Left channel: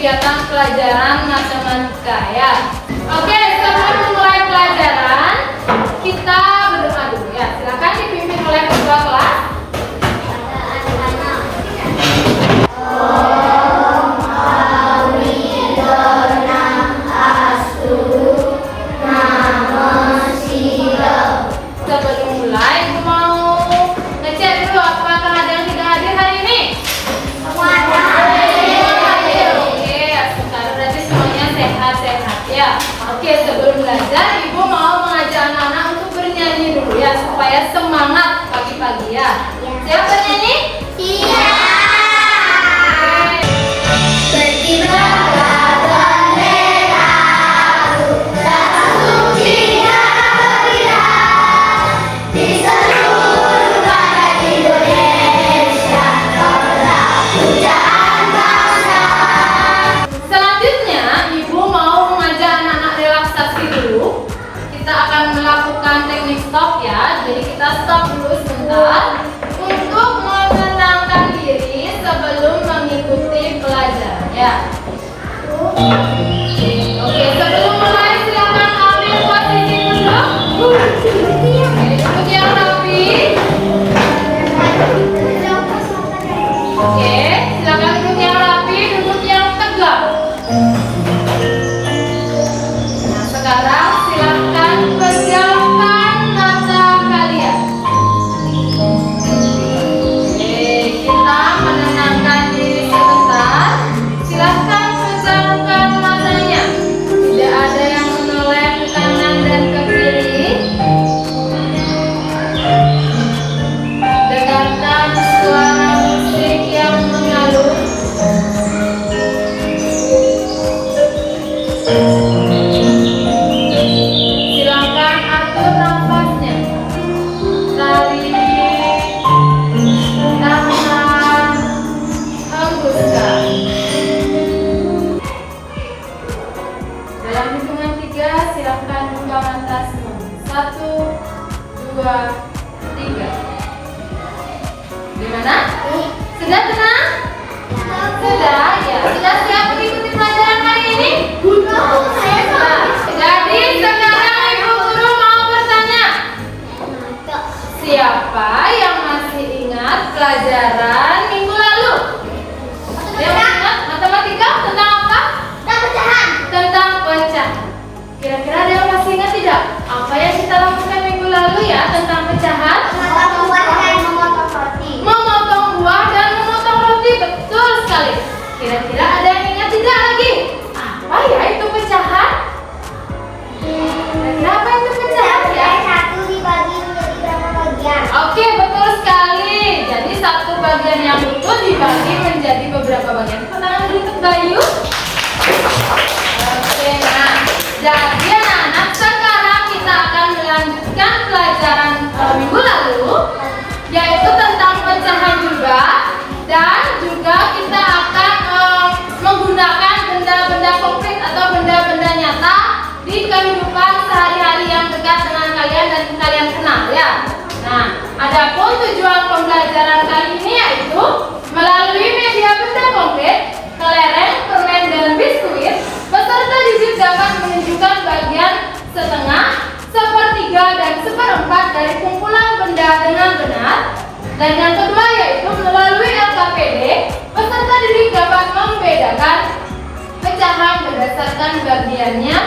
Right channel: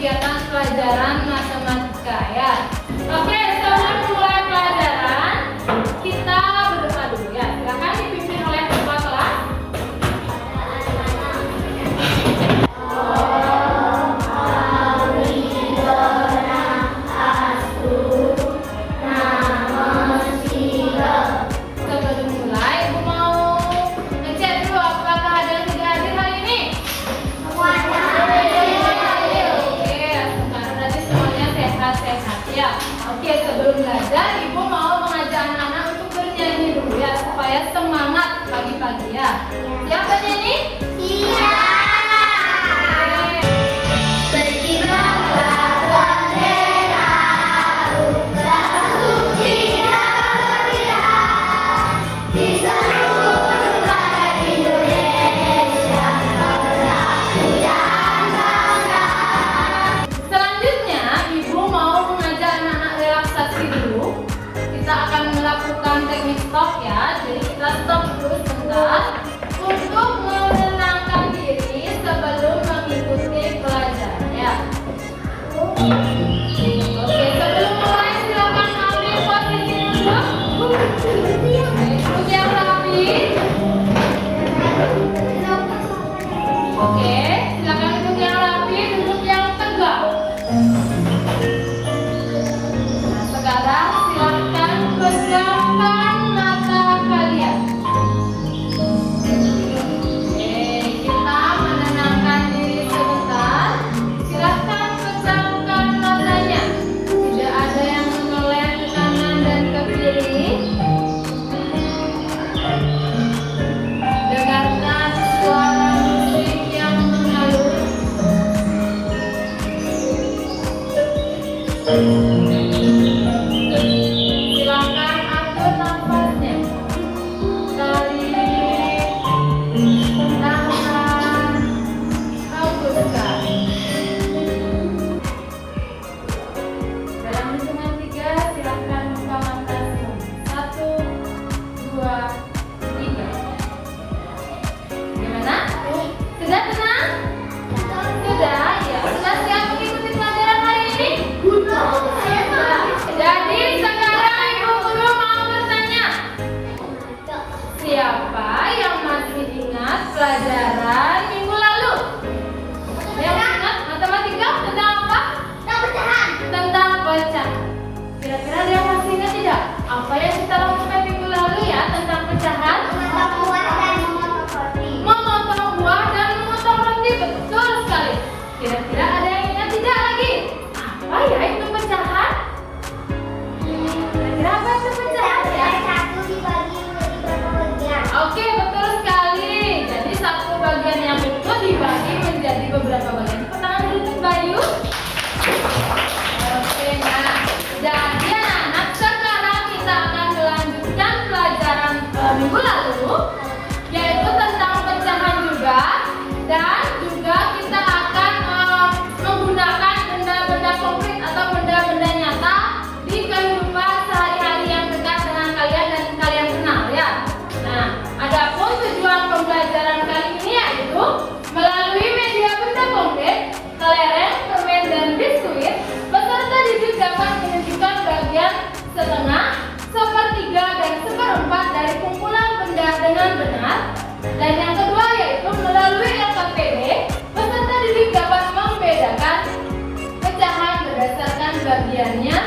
kegiatan pelajaran matematika ya. Oke, sebelum mulai pelajaran kita berdoa dulu ya. Silakan dipimpin oleh ketua kelas. Sebelum mulai, aku mau ngecek dulu apakah ada yang tidak hadir hari ini. Oke, sekarang berarti semuanya sehat-sehat ya. Oke, sebelum belajar, Ibu mau mengajak anak-anak untuk bernyanyi dulu ya, supaya semangat pagi-pagi ya. Siap bernyanyi? Iya. Selanjutnya, Ibu mau mengajak anak-anak relaksasi dulu. Kita akan melakukan teknik stop ya. Jadi kita stop dulu sebentar untuk menenangkan diri sebelum mengikuti pelajaran ya. Oke, sebelum mulai silakan ambil posisi duduk. Duduk yang rapi. Oke, silakan duduk yang rapi, duduk yang tegak. Nah, sekarang silakan pejamkan mata kalian. Oke, kita menenangkan diri sebentar. Silakan pejamkan matanya. Tidak ada yang menoleh ke kanan dan ke kiri. Dengarkan suara musik yang mengalun. Silakan atur nafasnya. Tarik, tahan, hembuskan. Dalam hitungan 3, silakan buka mata semua. 1, 2, 3. Gimana? Sudah tenang? Sudah? Ya. Sudah siap mengikuti pelajaran hari ini? Nah, jadi sekarang Ibu Guru mau bertanya. Siapa yang masih ingat pelajaran minggu lalu? Yang ingat matematika tentang apa? Tentang pecahan. Kira-kira ada yang masih ingat tidak? Apa yang kita lakukan minggu lalu ya tentang pecahan? Memotong buah dan memotong roti, betul sekali. Kira-kira ada yang ingat tidak lagi? Apa ya itu pecahan? Kira-kira apa itu pecahan ya? Oke, betul sekali. Jadi satu bagian yang utuh dibagi menjadi beberapa bagian. Tangan dulu untuk Bayu. Oke, nah, jadi anak-anak sekarang kita akan melanjutkan pelajaran minggu lalu, yaitu tentang pecahan juga, dan juga kita akan menggunakan benda-benda konkret atau benda-benda nyata di kehidupan sehari-hari yang dekat dengan kalian dan kalian kenal ya. Nah, adapun tujuan pembelajaran kali ini yaitu melalui media benda konkret, kelereng, permen, dan biskuit, peserta didik dapat menunjukkan bagian setengah, sepertiga, dan seperempat dari kumpulan benda dengan benar. Dan yang kedua yaitu melalui LKPD, peserta didik dapat membedakan pecahan berdasarkan bagiannya,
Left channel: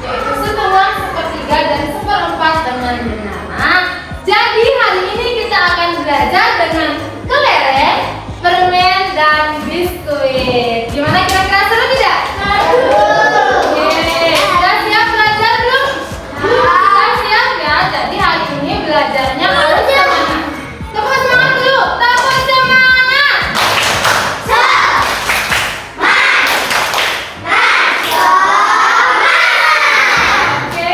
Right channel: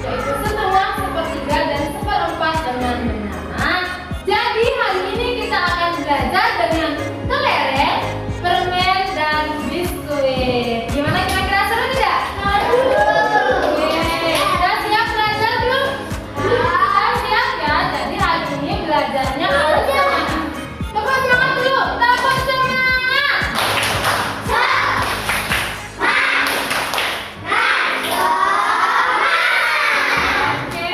yaitu setengah, sepertiga, dan seperempat dengan benar. Nah, jadi hari ini kita akan belajar dengan kelereng, permen, dan biskuit. Gimana kira-kira, seru tidak? Oke, sudah siap belajar belum? Sudah siap ya. Jadi hari ini belajarnya harus semangat. Tepuk semangat dulu. Tepuk semangat. Oke,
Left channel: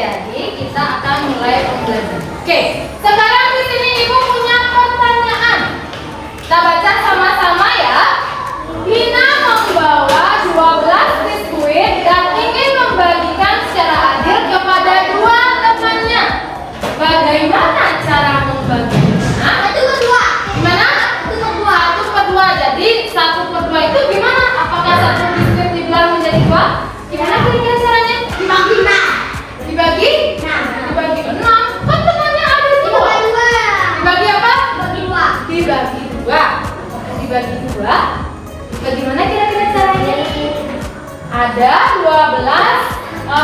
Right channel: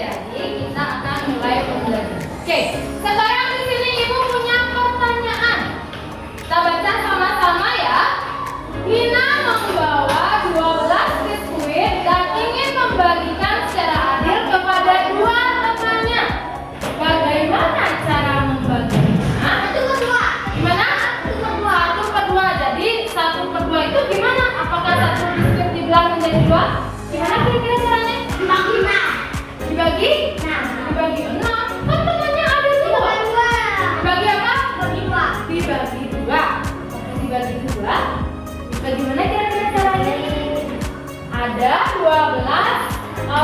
jadi kita akan mulai pembelajaran. Oke, sekarang di sini Ibu punya pertanyaan. Bagaimana kira-kira caranya? Ada 12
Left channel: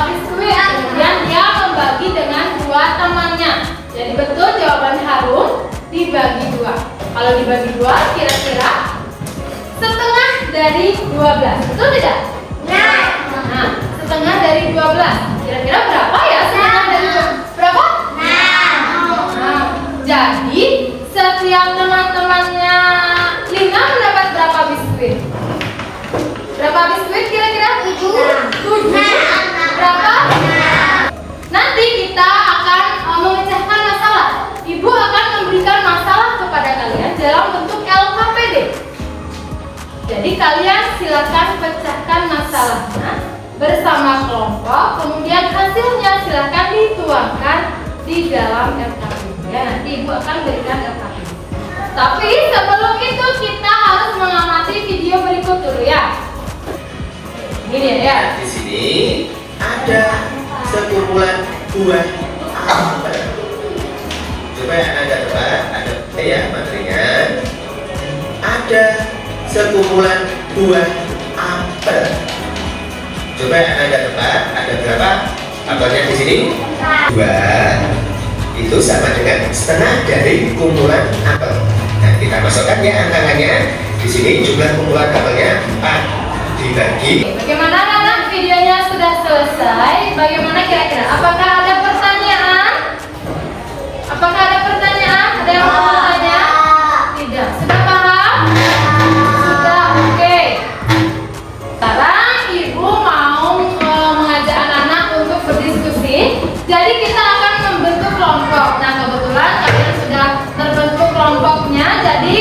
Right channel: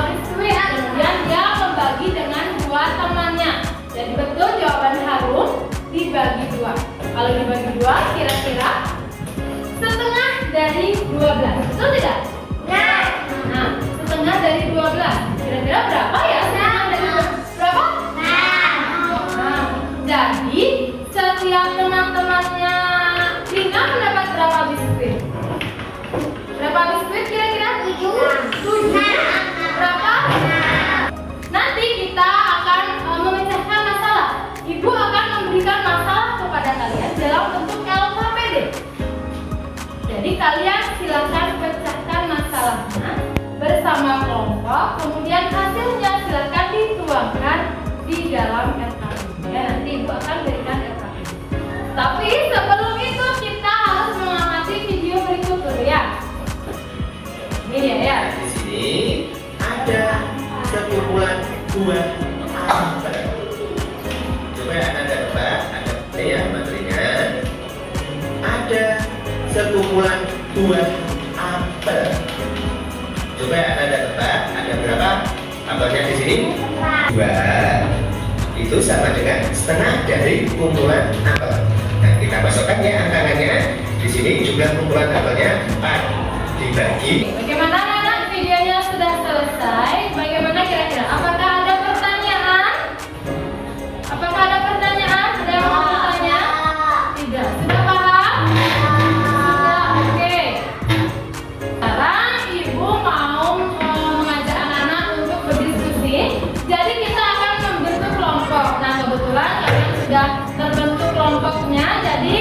biskuit, kemudian dia membagi dengan 2 temannya. Jadi betul jawaban Harun, dibagi 2. Kalau dibagi 2, kira-kira setengah dari 12. Betul tidak? Nah, setengah dari 12. Kira-kira berapa ya setengah dari 12? Berapa? Nah, jadi setiap teman-temannya Lina mendapat berapa biskuit? Berapa biskuit kira-kira? 7. Berapa? Nanti kita akan memecahkan masalah. Ibu akan memberikan masalah kepada kalian dalam bentuk LKPD. Jadi kalian silakan pecahkan masalahnya bersama kelompok, kemudian hasilnya silakan dituangkan di dalam LKPD. Ya, nanti ibu akan berikan LKPD. Tapi sebelum itu kita harus mengamati video berikut dulu ya. Ini ya. Di sini ada sekumpulan buah apel. Coba Anda tebak, ada ya materinya. Ada sekumpulan buah apel. Coba Anda tebak, ada berapa apelnya di sini? 2. Itu sama dengan setengah dari kumpulan apel. Nah, kita masukkan ya angka-angkanya. Di sini jumlah kumpulan apelnya 4 dibagi. Bagaimana anak-anak, videonya sudah selesai? Bagaimana kira-kira? Apakah ada pertanyaan? Apakah ada pertanyaan? Ada yang mau bertanya? Tidak. Sudah paham? Sudah, oke. Sekarang ibu mau mengajak anak-anak untuk berdiskusi. Jadi kita akan membentuk kelompok. Nah, kebetulan kalian sudah terbentuk kelompoknya. Jadi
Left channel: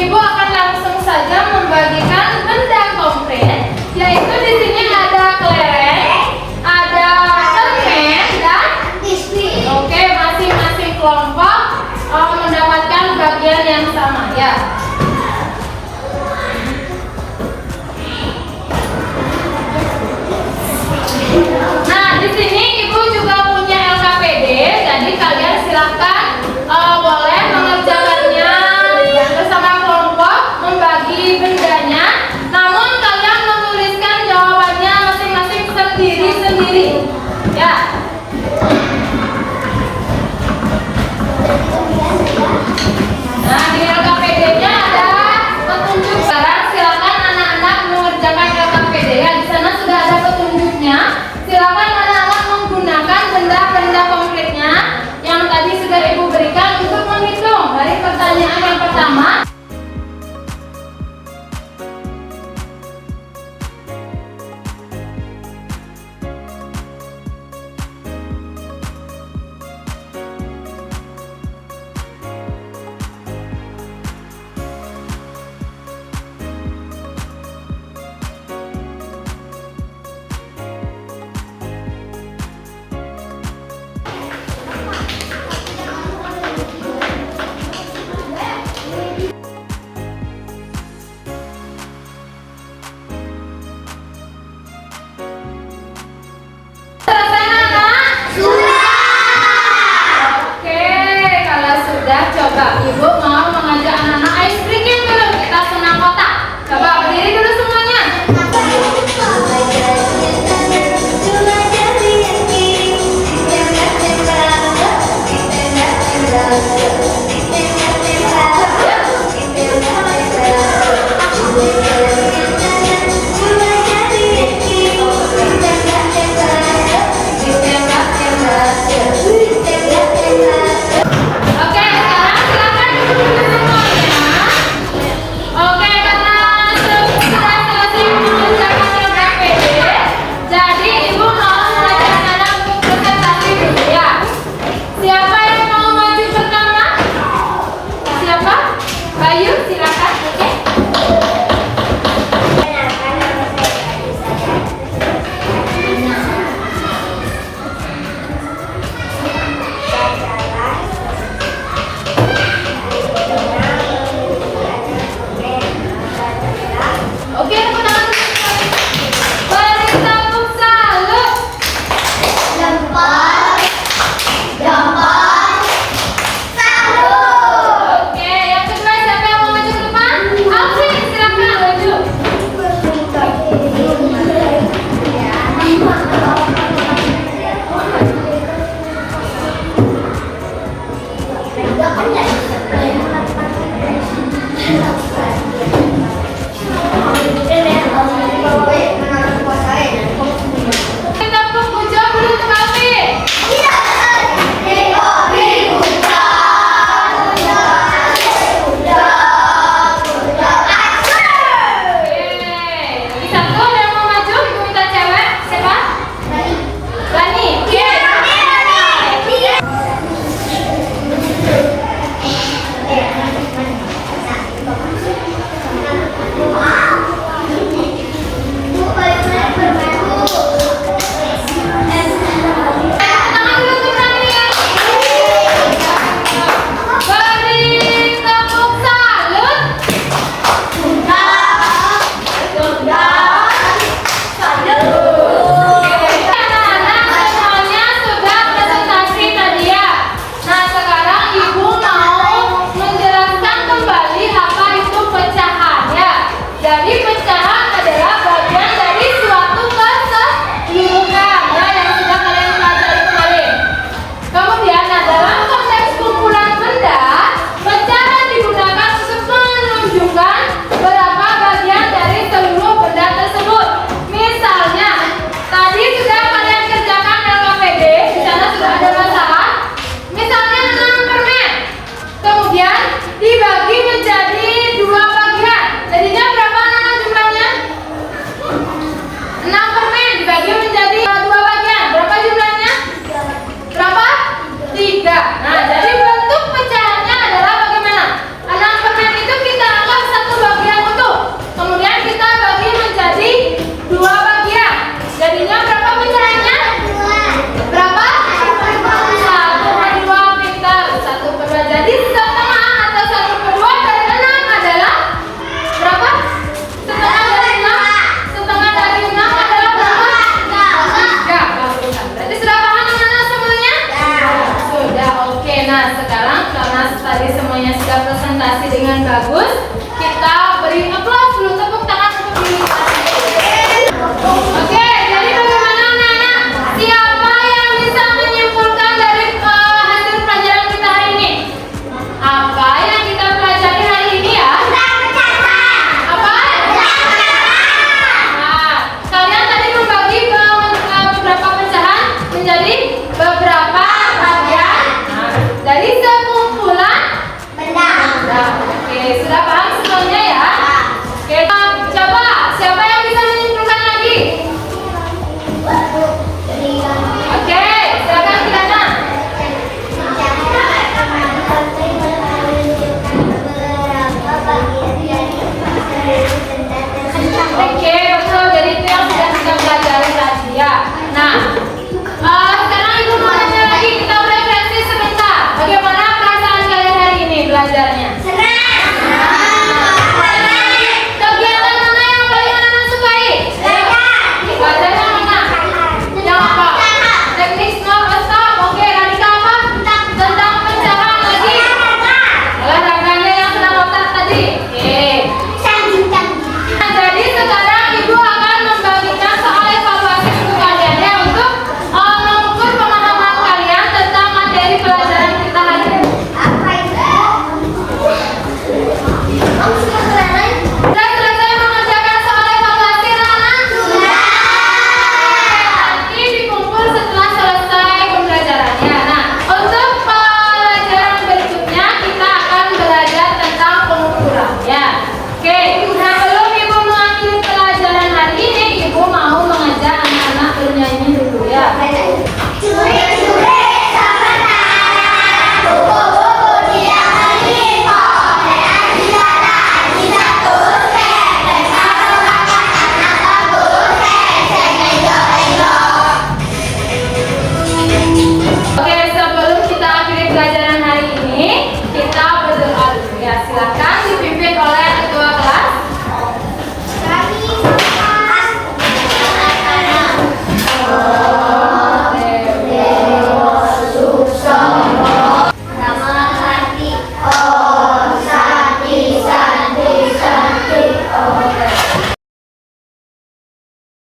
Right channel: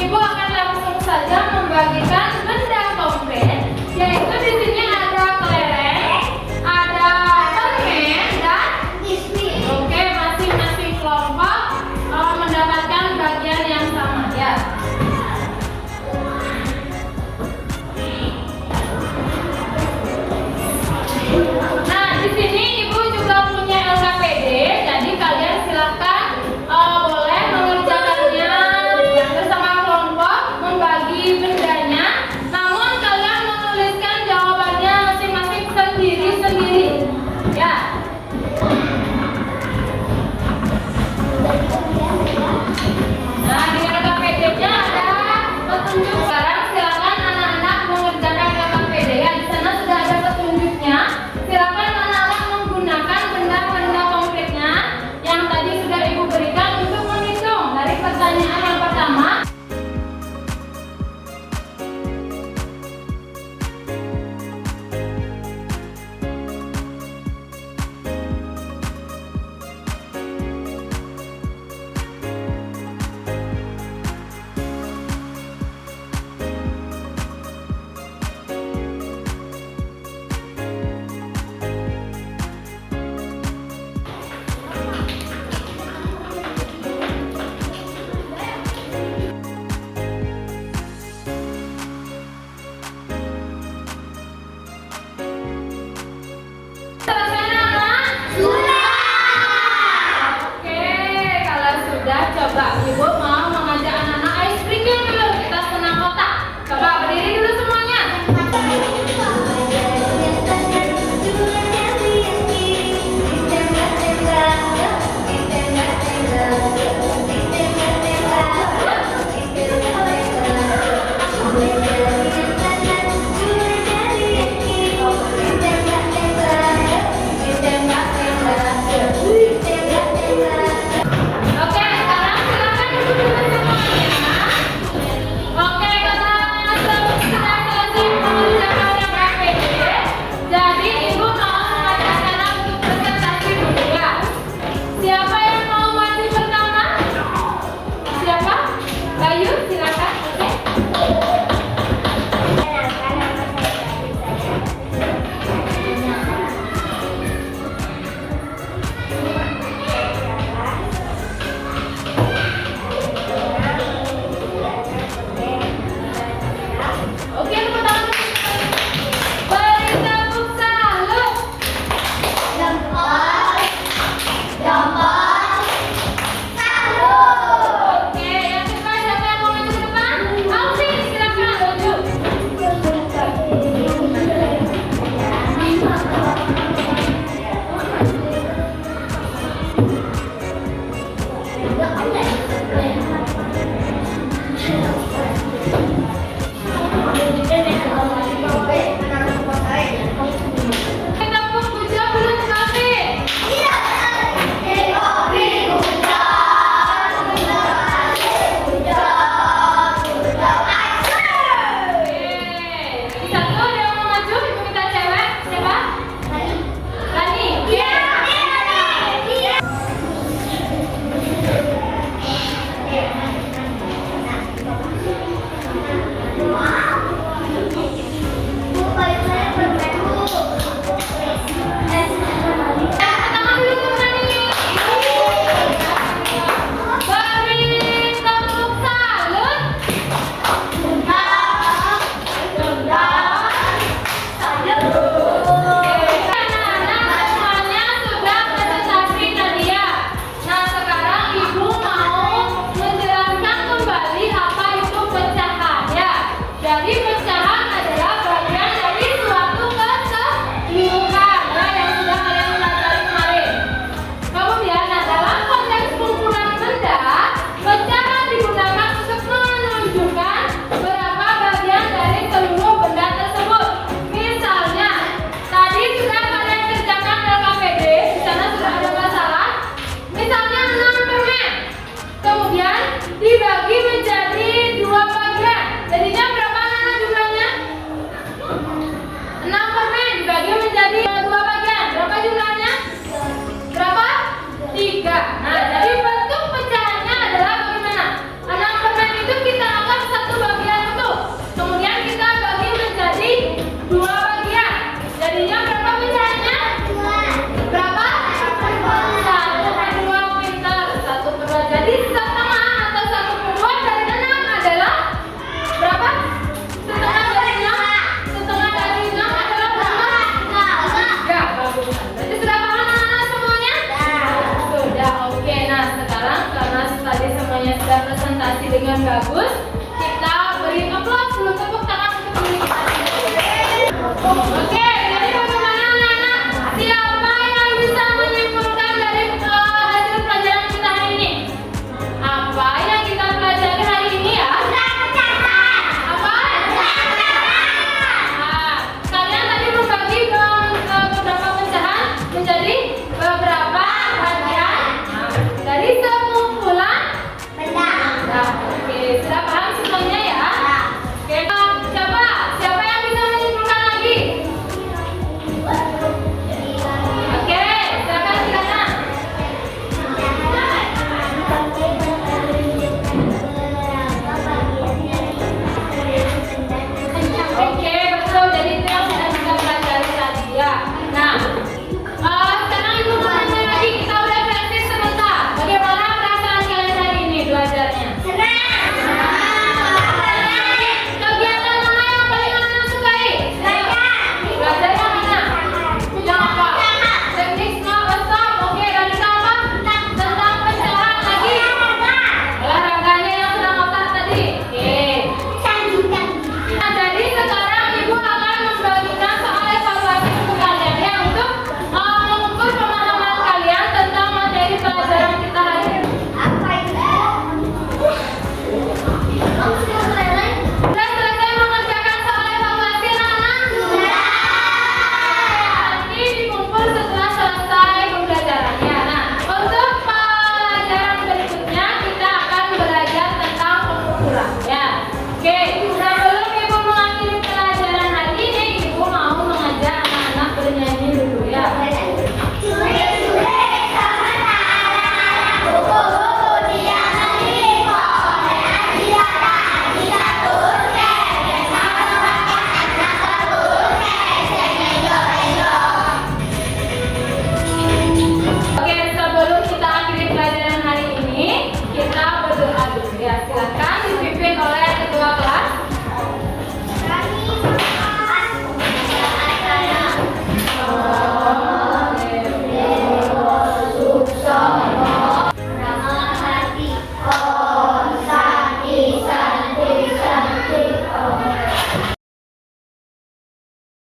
ibu akan langsung saja membagikan benda konkret, yaitu di sini ada kelereng, ada permen dan biskuit. Oke, masing-masing kelompok mendapatkan bagian yang sama ya. Nah, di sini ibu juga punya LKPD, jadi kalian silakan boleh mengerjakannya bersama kelompok, membagi bendanya. Namun kalian menuliskan jawabannya masing-masing sendiri-sendiri. Ya. Nah, di LKPD-nya ada petunjuk. Sekarang silakan anak-anak mengerjakan LKPD ya. Di sana sudah ada petunjuknya. Silakan anak-anak menggunakan benda-benda konkretnya yang tadi sudah ibu berikan untuk menghitung dari pertanyaan yang pertama. Selesai anak? Sudah. Oke, kalau sudah coba ibu mau mengajak anak-anak ice breaking dulu. Kita senang kotak. Coba berdiri dulu semuanya. Oke, sekarang silakan dibagi menjadi 2 bagian. Jadinya berapa anak jumlahnya? 6 permen dibagi menjadi 2 bagian. Berapa jumlahnya? Berapa? 3. Nah, jadi bentuk pecahannya adalah bagaimana? 6 permen itu kita anggap satu bagian utuh. Kemudian kita bagi menjadi 2 bagian. Jadinya berapa pecahannya? Berapa? 1/2 meter. 1/2. Jadi setengah atau 1/2 dari 6 adalah berapa? Setengah dari 6. Setengah dari 6 adalah berapa? 3. Bagusan. Berarti sudah paham anak-anak semuanya? Sudah. Oke. Nah, sekarang karena tadi semuanya sudah presentasi dengan bagus, kita beri aplaus dulu, tepuk tangan untuk diri kita sendiri. Oke, jadi bagaimana anak-anak? Siapa yang bisa menyimpulkan dari hasil pelajaran kita hari ini? Apa yang kita pelajari hari ini ya? Apa? Nah, kalian tadi membagi beberapa pecahan menjadi beberapa bagian dari sekumpulan benda. Oke, sudah paham?